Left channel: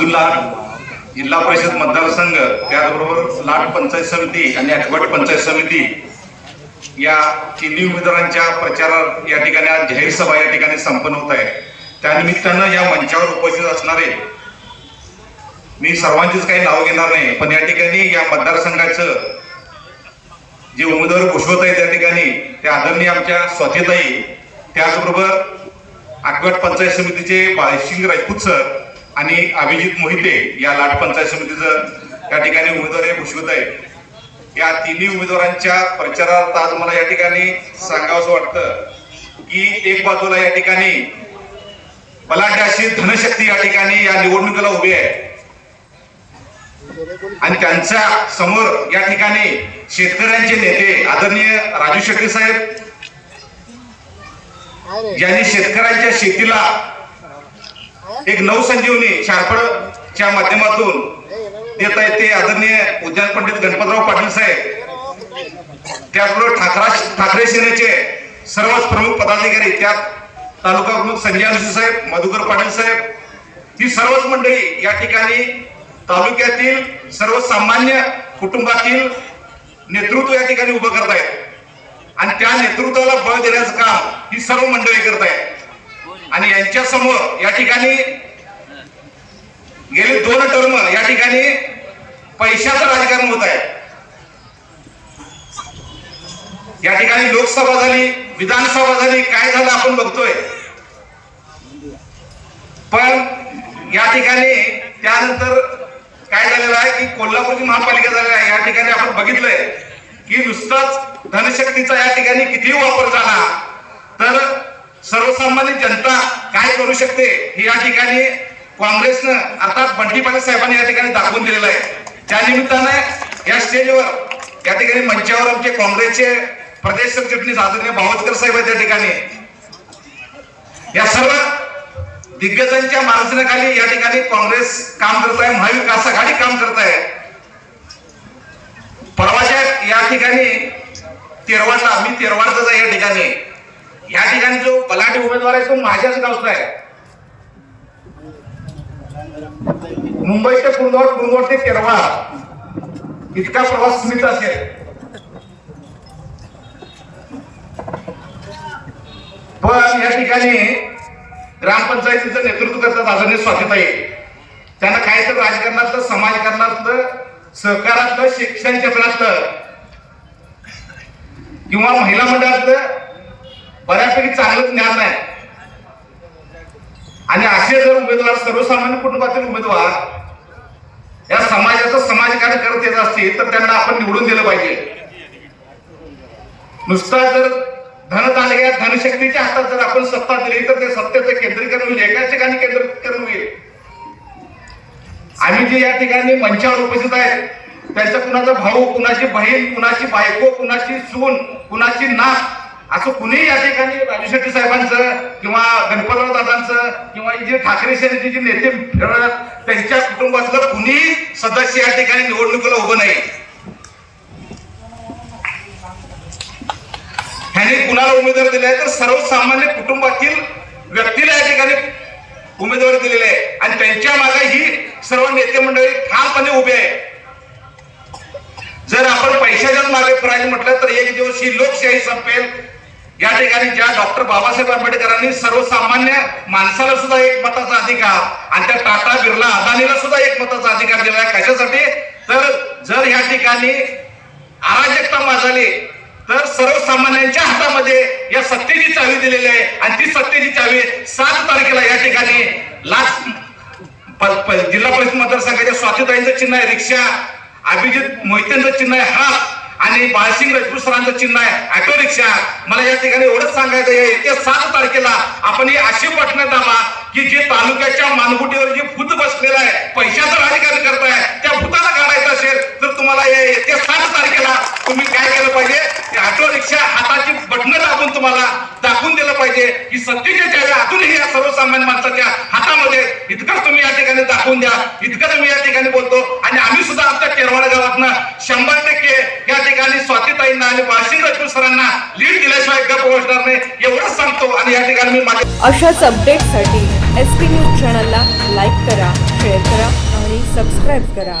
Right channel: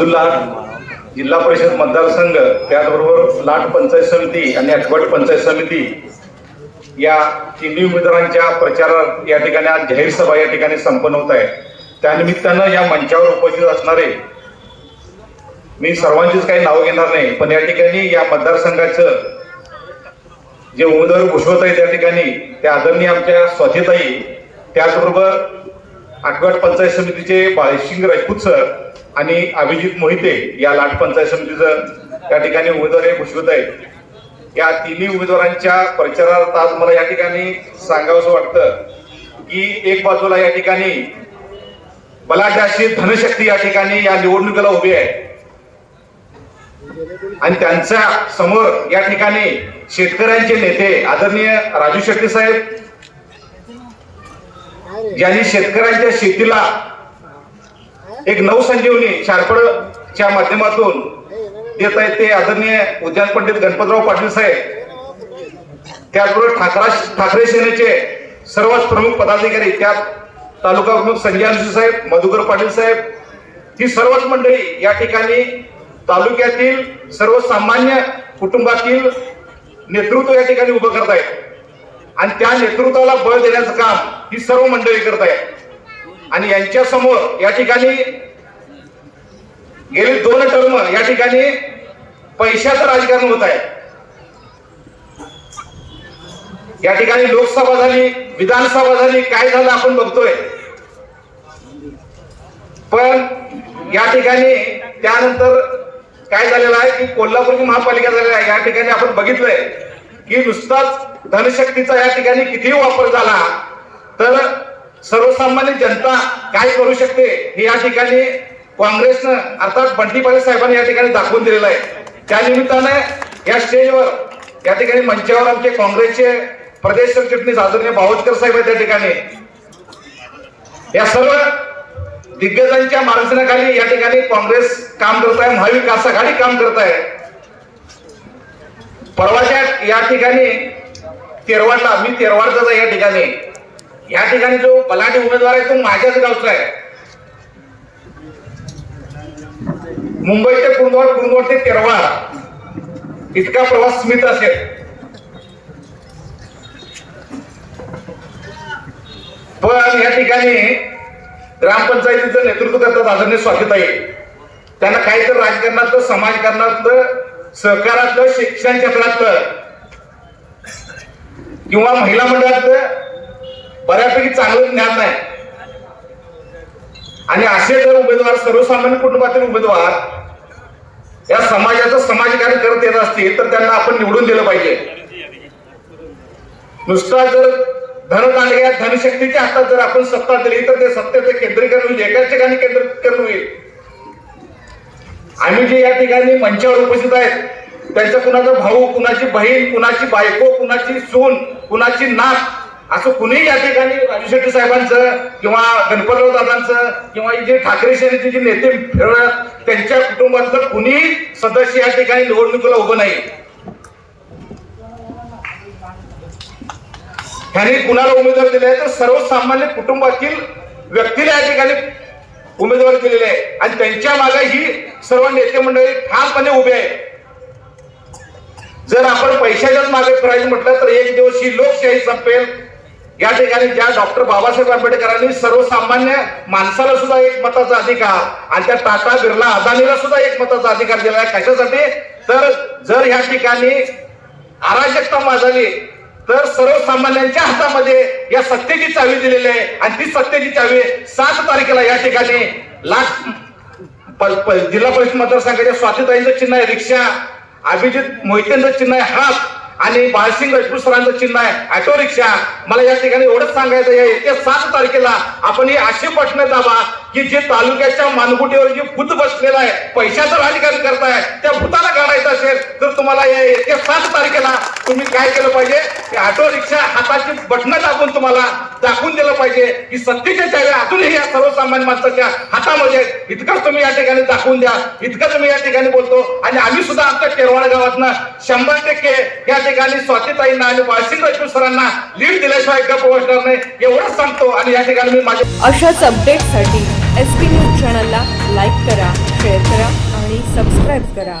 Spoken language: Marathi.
अब्दुल्ला जिल्हा परिषद मतदारसंघ, त्याचबरोबर लाट पंचायत समिती आणि अकवट पंचायत समिती या तिन्ही उमेदवारांच्या प्रचारात या ठिकाणी आज जाहीर सभा या ठिकाणी संपन्न होत आहे। त्यानिमित्तानं या मंचावर उपस्थित असणारे मी सर्वांचीच काही नाव घेणार नाही, पण या ठिकाणी या मतदारसंघाचं जे उमेदवार घोषवत आहे त्या ठिकाणी त्या आदरणीय आमच्या स्वातीताई, त्याचबरोबर अकवट पंचायत समितीचे बाळशिंग राजपूत सर आणि अभिजित मोहिते या लाट पंचायत समितीचं या ठिकाणी उमेदवार घोषवित आहेत। या तिन्ही उमेदवारांच्या प्रचारात आज मला या ठिकाणी सांगावंसं वाटतं की एक बाजूला या ठिकाणी बलाढ्य अशी धनशक्ती या ठिकाणी या निवडणुकीला उभी आहे आणि त्यांच्या समोर या ठिकाणी शेतकऱ्यांचे नेते आदरणीय राजू शेट्टी साहेब, ज्यांनी शेतकऱ्यांच्या शेतीला एक नवसंजीवनी शारपडच्या माध्यमातून देत आहेत ते आदरणीय उद्यान पंडित गणपतराव पाटील साहेब, त्याचबरोबर ठाकरे सेनेचे सर्वच प्रमुख पदाधिकारी, त्यात तालुका प्रमुख संजय अंशी साहेब, मधुकर पाटील साहेब, ही सर्वच मंडळी या ठिकाणी तालुक्यातील सर्वसामान्य कुटुंबातील नेतृत्व या ठिकाणी उभं करत आहेत आणि त्या नेतृत्वाला बळ देण्याचं काम ही सर्व मंडळी करत आहेत। आणि यांच्या समोर या ठिकाणी गेली 2 टर्म या ठिकाणी पैशाचं राजकारण होत आहे। या ठिकाणी लोकसभा झाली, विधानसभा झाली, काय झालं आपण बघतोय, पण या ठिकाणी त्यानंतर काय झालेलं आहे की कोल्हापूरची महापालिका झालेला आहे। या ठिकाणी आपण बघितलंय की नुसताच धनशक्तीचा या ठिकाणी कितीही वापर झाला तर सर्वसामान्य जनता काय करू शकते हे या ठिकाणी काँग्रेसनं अर्थात बंटी पाटील साहेबांनी या ठिकाणी दाखवून दिलेलं आहे। त्या निमित्तानं या स्टेजवर या ठिकाणी मंचावर आमचे काँग्रेसचे प्रदेश सरचिटणीस आदरणीय भावचकर साहेब आहेत। त्या ठिकाणी या सर्व दिग्गजांच्या मार्गदर्शनाखाली या ठिकाणी काँग्रेस काम करत आहे, महाविकास आघाडी काम करत आहे। परवाच्या या ठिकाणी तेरवाडला, मी तेरवाडचाच आहे या ठिकाणी जो बलाढ्य उमेदवार आहे तो माझ्याच गावचा आहे। मुंबई ते कुंदवाड ते तेरवाड इतका प्रवास मित्र असेल, पण या ठिकाणी ग्रामपंचायतीचं नेतृत्व करतात आदरणीय स्वातीताई। त्यांना काहीतरी राजकारणातलं, समाजकारणातलं, सहकारातलं, शिक्षण क्षेत्रातलं किंवा महिला मंडळातलं बऱ्यापैकी चांगलं ज्ञान नाही आणि असे जर उमेदवार, सर्वसामान्य कुटुंबातील उमेदवार या समाजाचं समाजकारण करत येत असतील तर त्यांना आपण निवडून दिलं पाहिजे। नुसता जर धन या धनशक्तीच्या हातात जर आपण सत्ता दिली तर ते सत्तेचे केंद्रीकरण होईल, एकाच ठिकाणी केंद्रीकरण होईल। आम्ही जे या ठिकाणी मंचावर उपस्थित आहेत त्यांचं कुणाचा भाऊ, कुणाची बहीण, कुणाची बायको, कुणाची सून, कुणाची नात असं कुणीही या ठिकाणी राजू शेट्टी साहेबांचं किंवा गणपतराव दादांचं किंवा जे ठाकरे सेनेचे जे नेते त्यांच्या कुटुंबातलं कुणीही सदस्य या ठिकाणी निवडणुकीला उभं नाही। ह्यांनी कुणाला उमेदवार दिले आहे तर सर्वसामान्य कुटुंबातील व्यक्तीला या ठिकाणी उमेदवार दिलेले आहे आणि त्यांच्या मागे ही सर्व नेते मंडळी ठामपणे उभे आहे। जर आपण पैशाच्याच मागे फिरायचं म्हटलं तर एक दिवस ही लोकशाही संपेल। या ठिकाणी ज्या डॉक्टर बाबासाहेब आंबेडकरांनी सर्वसामान्य माणसाला सुद्धा एक मताचा अधिकार आणि त्या टाटा, बिर्ला, अदानीला सुद्धा एक मताचा अधिकार दिला आहे। कशासाठी तर जर या ठिकाणी अराजकता माजली तर सर्वसामान्यांच्या हातामध्ये या सत्तेची चावी दिलेली आहे आणि ती सत्तेची चावी 7 तारखेला या ठिकाणी जिल्हा परिषद मतदारसंघाच्या स्वातीताईंचं चिन्ह आहे रिक्षा, अभिजित मोहितेंचं चिन्ह आहे हात आणि बाळशिंग राजपूत सरांचं चिन्ह आहे ऑटो रिक्षा। मला या ठिकाणी एवढंच सांगायचं आहे येत्या 7 तारखेला आपण ही अशी पटणं दाबा की जे तालुक्याच्या मानगुटीवर जी भूत बसलेला आहे, पैशाचं राजकारण करताय, त्या भूताला काढायचं असेल तर तुम्हाला येत्या 7 तारखेला तुम्ही काय केलं पाहिजे, ते ऑटो रिक्षा हाताची बटणं दाबून तुम्हाला दाखवून दिलं पाहिजे की सत्तेच्या चाव्या अजूनही या सर्वसामान्य माणसाच्या हातामध्ये। इतकंच तुम्ही या ठिकाणी दाखवून द्या, इतकं तुम्ही या ठिकाणी बोलतो आणि आम्ही सुद्धा आमच्या तेरवाड गावातनं 100% या ठिकाणी स्वातीताईंना आणि बाळशिंग राजपूत सरांना लीड दिल्याशिवाय गप्प बसणार नाही एवढंच सांगतो। आणि या ठिकाणी मी माझ्या अशाच अपडेटसाठी SP न्यूज चॅनलला लाईक करा, शेअर करा आणि सबस्क्राईब करा.